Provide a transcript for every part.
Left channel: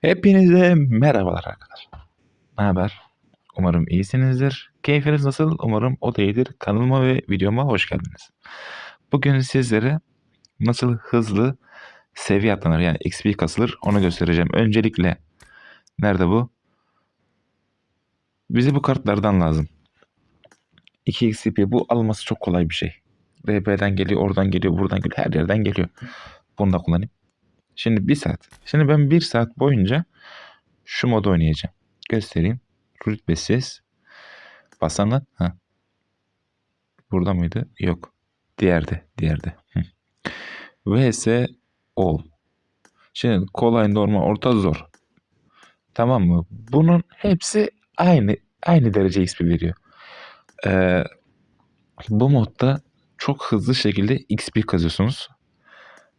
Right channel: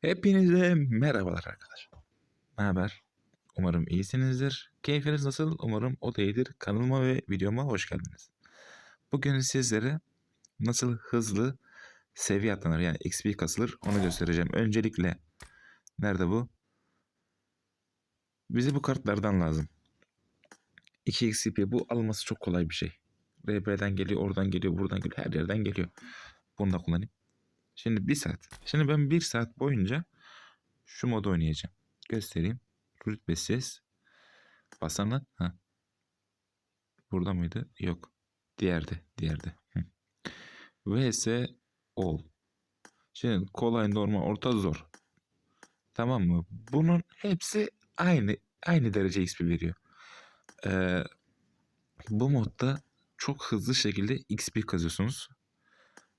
Hepinize merhabalar arkadaşlar. Ne haber? Umarım iyisinizdir. Keyfiniz nasıl? Umarım o da iyidir. Kanalıma ve videoma hoş geldiniz. Bugün sizlere nasıl hızlı seviye atlanır yani XP kasılır onu göstereceğim. Öncelikle nerede bu? Bize bu kartlardan lazım. 2 XP bu alması çok kolay bir şey. RP'den geliyor, oradan geliyor, buradan geliyor, her yerden geliyor. Bunu da kullanayım. Şimdi bir saat. Şimdi ben bir saat boyunca şu modu oynayacağım. Göstereyim. Rütbesiz. Basanlar. Ha. Burada mıydı? Yok. Diğerde. Diğerde. Hı. VS All. Şimdi kolay, normal, orta, zor. Tamam mı? Bunun hepsi aynı aynı derece XP veriyor. Ee, bu modda çok hızlı şekilde XP kazıyorsunuz.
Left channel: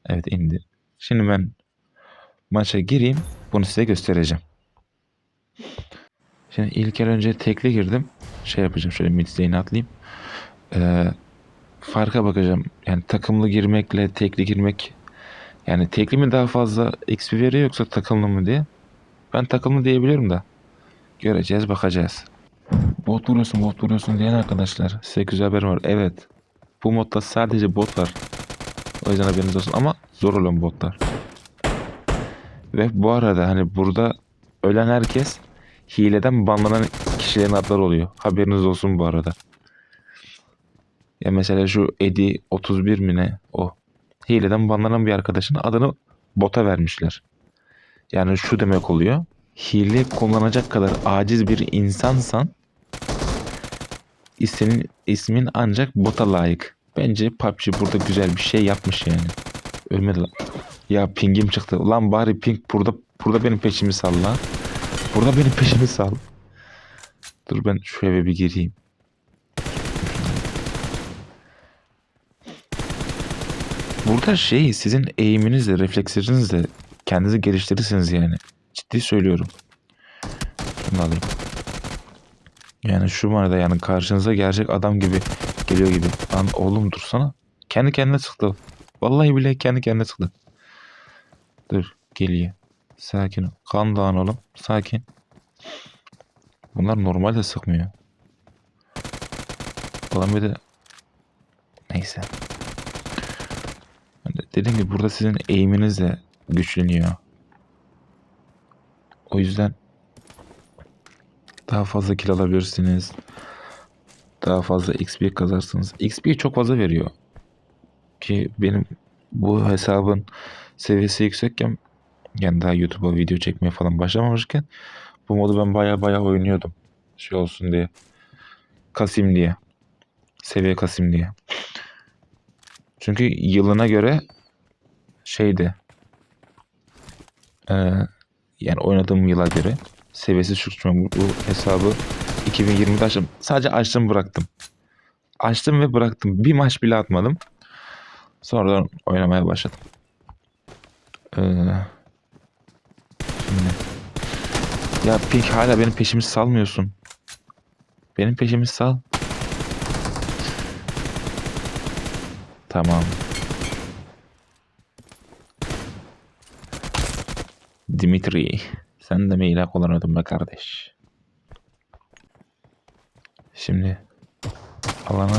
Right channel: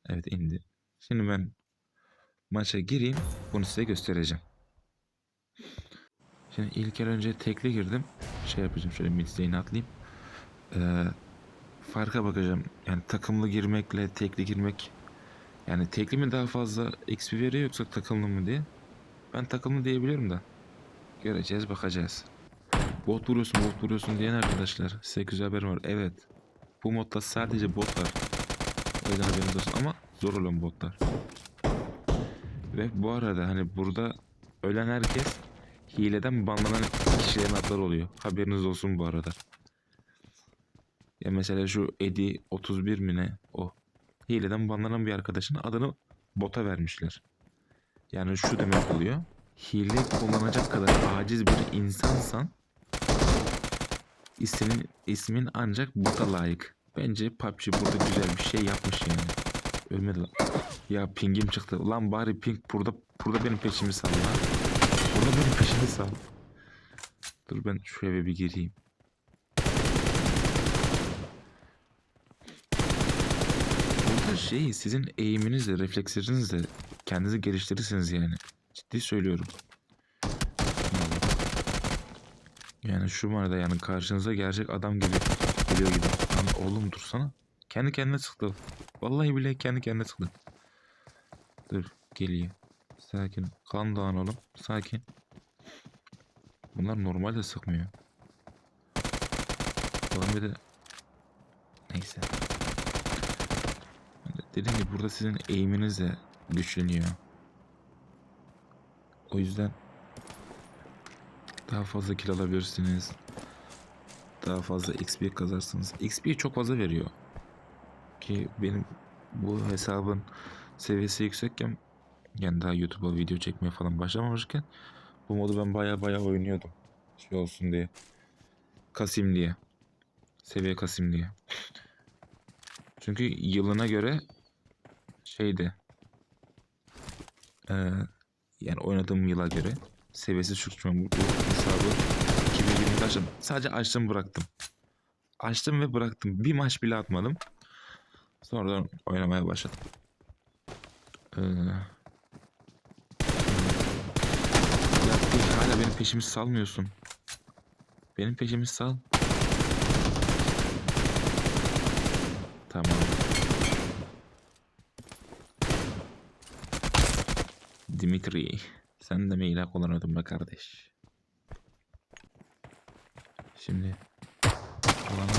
Evet indi. Şimdi ben maça gireyim. Bunu size göstereceğim. Şimdi ilk el önce tekli girdim. Şey yapacağım şöyle mid lane'e atlayayım. Ee, farka bakacağım. Yani takımlı girmekle tekli girmek yani tekli mi daha fazla XP veriyor yoksa takımlı mı diye. Ben takımlı diyebilirim da. Göreceğiz bakacağız. Bot vuruyorsun bot vuruyorsun diyen arkadaşlar. Size güzel haber var. Evet. Bu modda sadece bot var. O yüzden haberiniz olsun ama zor olan botlar. Ve bu arada hani burada ölen herkes hileden banlanan kişilerin adları oluyor. Haberiniz olsun bu arada. Ya mesela şu Edi 31 mi ne o. Hileden banlanan bir arkadaşın adını bota vermişler. Yani şu demek oluyor. Hile kullanacak kadar aciz bir insansan senin ismin ancak bota layık. Bence PUBG burada güzel bir şey yapmış yani. Ölmedi lan. Ya pingim çıktı. Lan bari ping burada burada benim peşimi sal lan. Burada benim peşimi sal. Dur ben şu eve bir gireyim. Burada şey sizin eğiminizle, reflekslerinizle kendinizi geliştirirsiniz yani. Ciddi söylüyorum. Alayım. Yani şu manada yani karşınıza gerçek adam gibi geliyor gibi. Lan oğlum dursana. Kendi kendine sıktı. Vallahi bile kendi kendine sıktı. Dur geliyor. Sakin ol. Kan dağın oğlum. Sakin. Bunlar normalde sıkmıyor. Ulan bir de neyse. Ben de Dediğim gibi burada sizin eğiminiz de güçleniyor. O yüzden daha fazla kill alabilirsiniz. Daha fazla XP kazarsınız. XP çok fazla veriyor. Ki benim bu hesabın seviyesi yüksekken yani daha YouTube'a video çekmeye falan başlamamışken bu modu ben baya baya oynuyordum. Şey olsun diye. Kasayım diye. Seviye kasayım diye. Çünkü yılına göre şeydi. Ee, yani oynadığım yıla göre seviyesi bu, bu hesabı 2020'de açtım. Sadece açtım bıraktım. Açtım ve bıraktım. Bir maç bile atmadım. Sonradan oynamaya başladım. Ee, ya Pink hala benim peşimi salmıyorsun. Benim peşimi sal. Tamam. Dimitri. Sen de mi ilah kullanıyordun be kardeş? Şimdi alana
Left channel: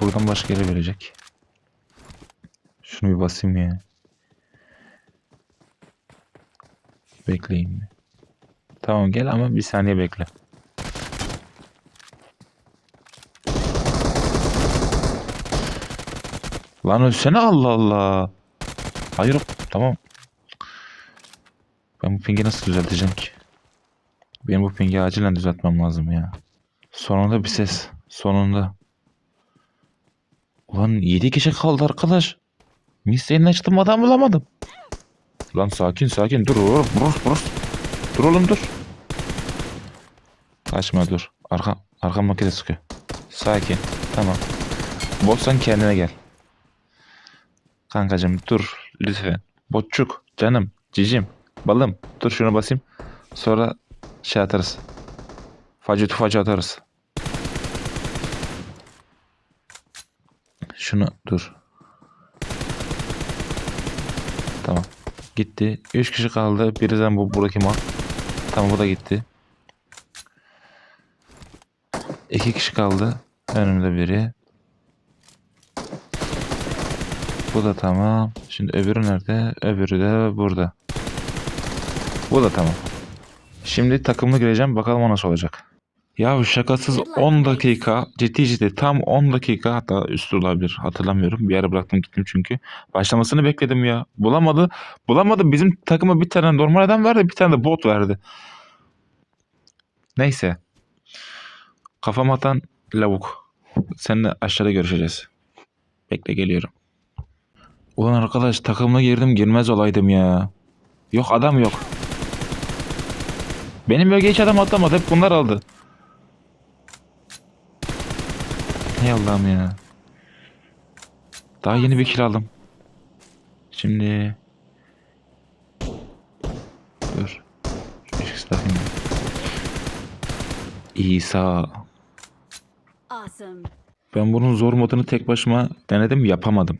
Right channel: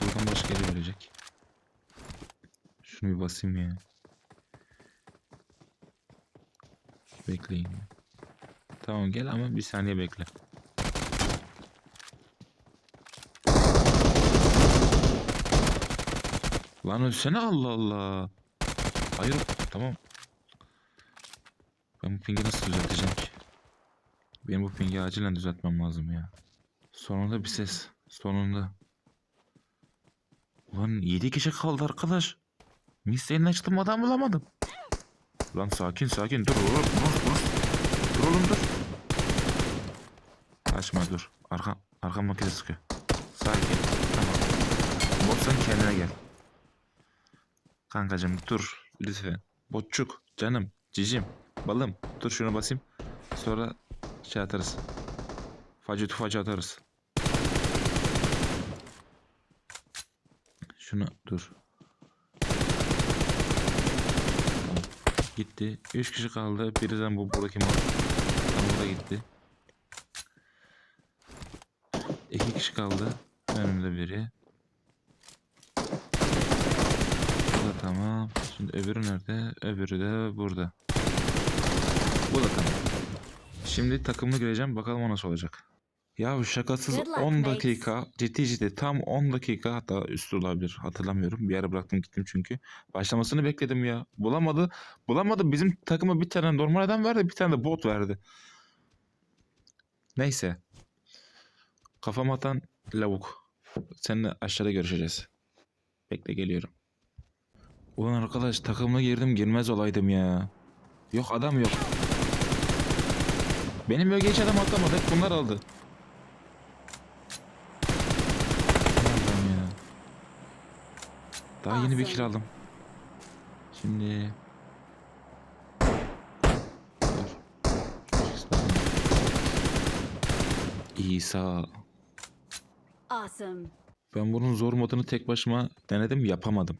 buradan başka yere verecek. Şunu bir basayım ya. Bekleyin. Tamam gel ama bir saniye bekle. Lan ölsene Allah Allah. Hayır tamam. Ben bu pingi nasıl düzelteceğim ki? Benim bu pingi acilen düzeltmem lazım ya. Sonunda bir ses. Sonunda. Ulan 7 kişi kaldı arkadaş. Misyonu açtım adam bulamadım. Lan sakin sakin dur oğlum. Dur, dur. dur oğlum dur. Kaçma dur. Arka, arka makine sıkıyor. Sakin. Tamam. Botsan kendine gel. Kankacım dur lütfen. Botçuk canım cicim balım dur şunu basayım. Sonra şey atarız. Facı tufacı atarız. Şunu dur. Tamam. Gitti. 3 kişi kaldı. Birden bu buradaki mal. Tamam bu da gitti. 2 kişi kaldı. Önümde biri. Bu da tamam. Şimdi öbürü nerede? Öbürü de burada. Bu da tamam. Şimdi takımlı gireceğim. Bakalım o nasıl olacak. Ya şakasız Good luck, 10 mates. dakika ciddi ciddi tam 10 dakika hatta üstü olabilir hatırlamıyorum. Bir ara bıraktım gittim çünkü. Başlamasını bekledim ya. Bulamadı. Bulamadı. Bizim takıma bir tane normal adam verdi bir tane de bot verdi. Neyse. Kafam atan lavuk. Seninle aşağıda görüşeceğiz. Bekle geliyorum. Ulan arkadaş takımına girdim girmez olaydım ya. Yok adam yok. Benim bölgeye hiç adam atlamadı. Hep bunlar aldı. Hay Allah'ım ya. Daha yeni bir kill aldım. Şimdi... Dur. İsa. Awesome. Ben bunun zor modunu tek başıma denedim yapamadım.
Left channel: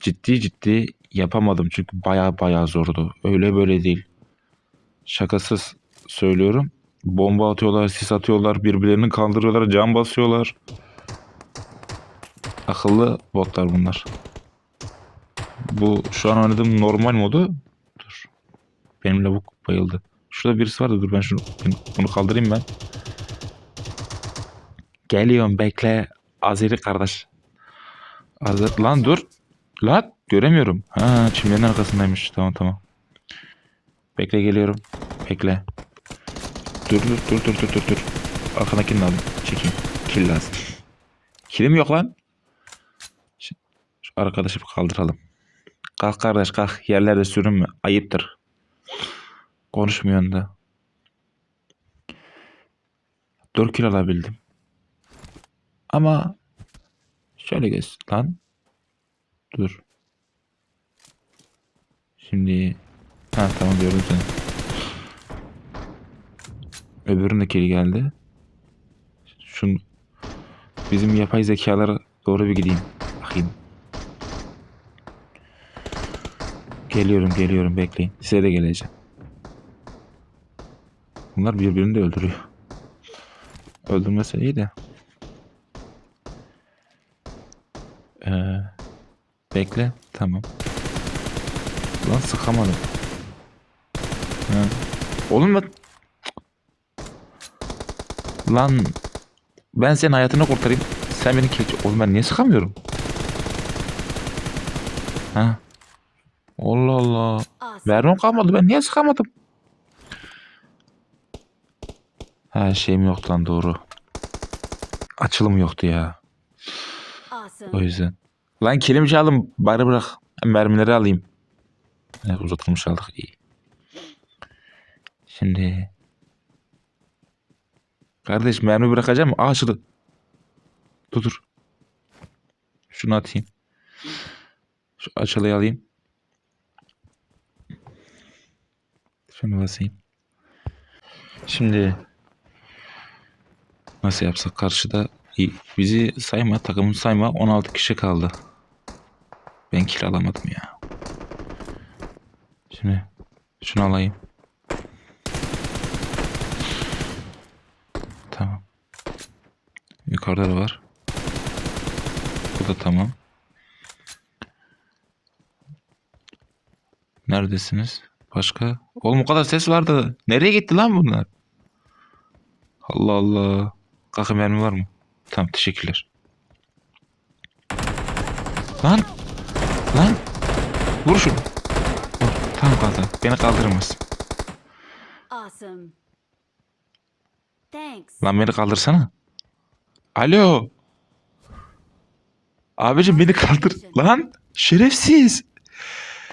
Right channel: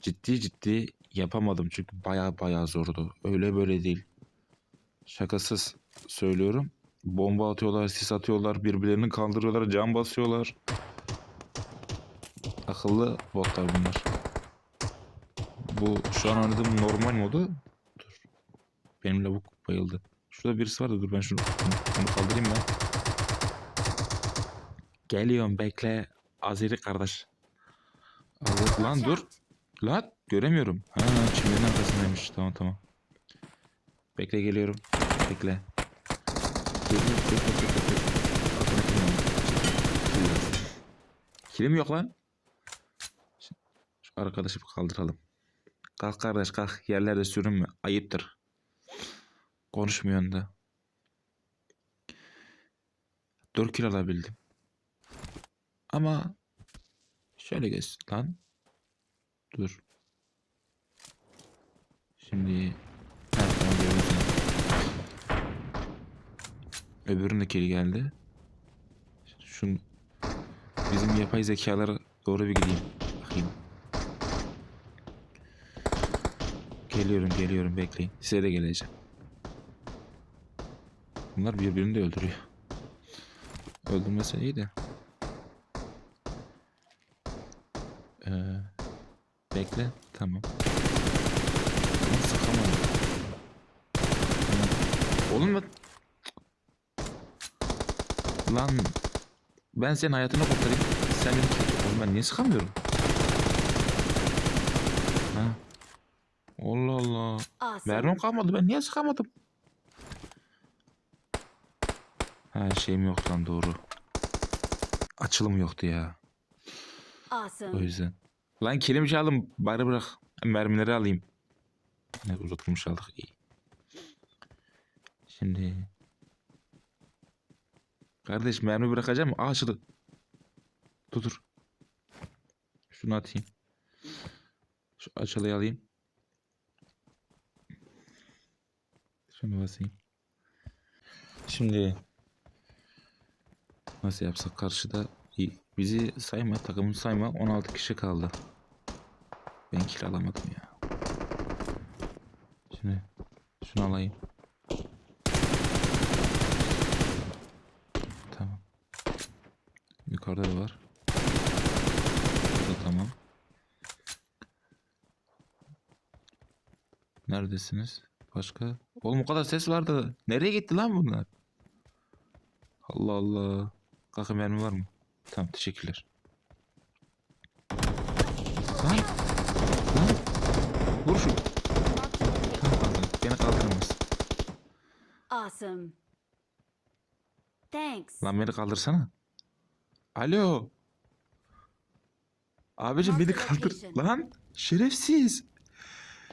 Ciddi ciddi yapamadım çünkü baya baya zordu. Öyle böyle değil. Şakasız söylüyorum. Bomba atıyorlar, sis atıyorlar, birbirlerini kaldırıyorlar, can basıyorlar. Akıllı botlar bunlar. Bu şu an oynadığım normal modu. Dur. Benim lavuk bayıldı. Şurada birisi vardı dur ben şunu bunu kaldırayım ben. Geliyorum bekle. Azeri kardeş. Azeri lan dur. Lan göremiyorum. Ha çimlerin arkasındaymış. Tamam tamam. Bekle geliyorum. Bekle. Dur dur dur dur dur dur. dur. Arkadakini de aldım. Çekin. Kill lazım. Kilim yok lan. Şu, arkadaşı kaldıralım. Kalk kardeş kalk. Yerlerde sürünme. Ayıptır. Konuşmuyorsun da. 4 kill alabildim. Ama şöyle geç lan. Dur. Şimdi ha tamam gördüm seni. Öbürünün de kili geldi. Şun bizim yapay zekalara doğru bir gideyim. Bakayım. Geliyorum geliyorum bekleyin. Size de geleceğim. Bunlar birbirini de öldürüyor. Öldürmese iyi de. Ee, bekle. Tamam. Lan sıkamadım. Ha. Oğlum bak. Lan. Ben senin hayatını kurtarayım. Sen beni keç. Oğlum ben niye sıkamıyorum? Ha. Allah Allah. Mermim kalmadı. Ben niye sıkamadım? Ha şeyim yoktu lan doğru. Açılım yoktu ya. O yüzden. Lan kilimi çaldım. Bari bırak. Mermileri alayım. Evet, uzatılmış aldık. iyi. Şimdi. Kardeş mermi bırakacağım. Aa açıldı. Dur dur. Şunu atayım. Şu açılıyı alayım. Şunu basayım. Şimdi nasıl yapsak karşıda bizi sayma takımı sayma 16 kişi kaldı. Ben kill alamadım ya. Şimdi şunu alayım. Tamam. Yukarıda da var. Bu da tamam. Neredesiniz? Başka? Oğlum o kadar ses vardı. Nereye gitti lan bunlar? Allah Allah. Kalkı mermi var mı? Tamam teşekkürler. Lan! Lan! Vur şunu. Tamam kaldı. Beni kaldırmaz. Awesome. Thanks. Lan beni kaldırsana. Alo. Abicim beni kaldır. Lan şerefsiz.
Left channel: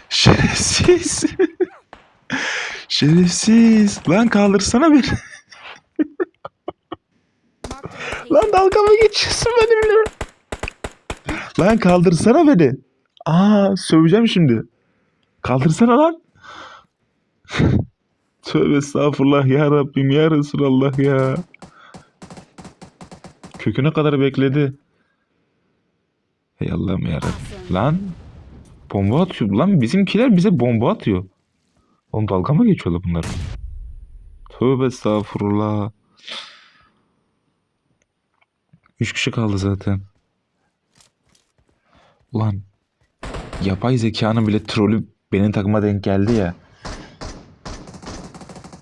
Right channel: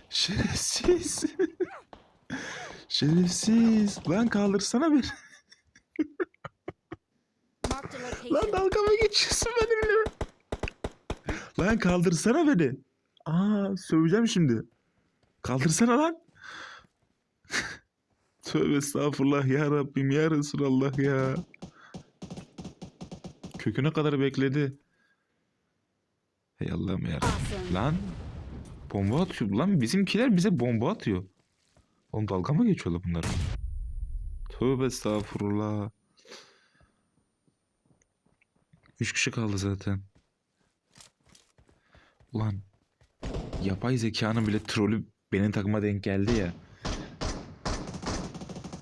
Şerefsiz. şerefsiz. Lan kaldırsana beni. Lan dalga mı geçiyorsun benimle? Lan kaldırsana beni. Aa söveceğim şimdi. Kaldırsana lan. Tövbe estağfurullah ya Rabbim ya Resulallah ya. Köküne kadar bekledi. Hey Allah'ım ya Rabbim. Awesome. Lan bomba atıyor. Lan bizimkiler bize bomba atıyor. Oğlum dalga mı geçiyorlar bunlar? Tövbe estağfurullah. Üç kişi kaldı zaten. Ulan yapay zekanın bile trolü benim takıma denk geldi ya.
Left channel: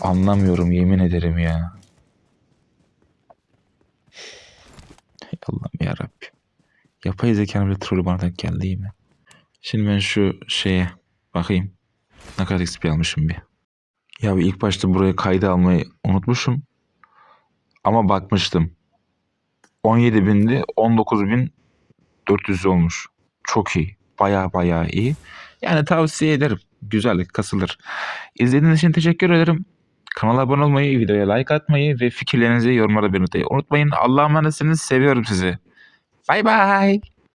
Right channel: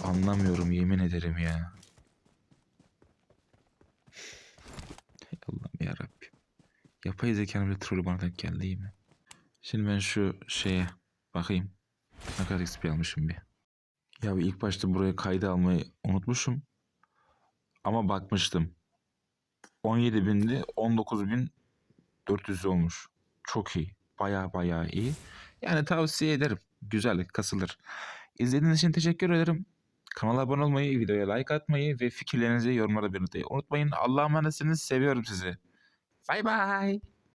Anlamıyorum yemin ederim ya. Allah'ım yarabbim. Yapay zekanın bile trolü bana denk geldi iyi mi? Şimdi ben şu şeye bakayım. Ne kadar XP almışım bir. Ya bir ilk başta buraya kaydı almayı unutmuşum. Ama bakmıştım. 17 bindi 19.400 olmuş. Çok iyi. Baya baya iyi. Yani tavsiye ederim. Güzel kasılır. İzlediğiniz için teşekkür ederim. Kanala abone olmayı, videoya like atmayı ve fikirlerinizi yorumlara belirtmeyi unutmayın. Allah'a emanetsiniz. Seviyorum sizi. Bay bay.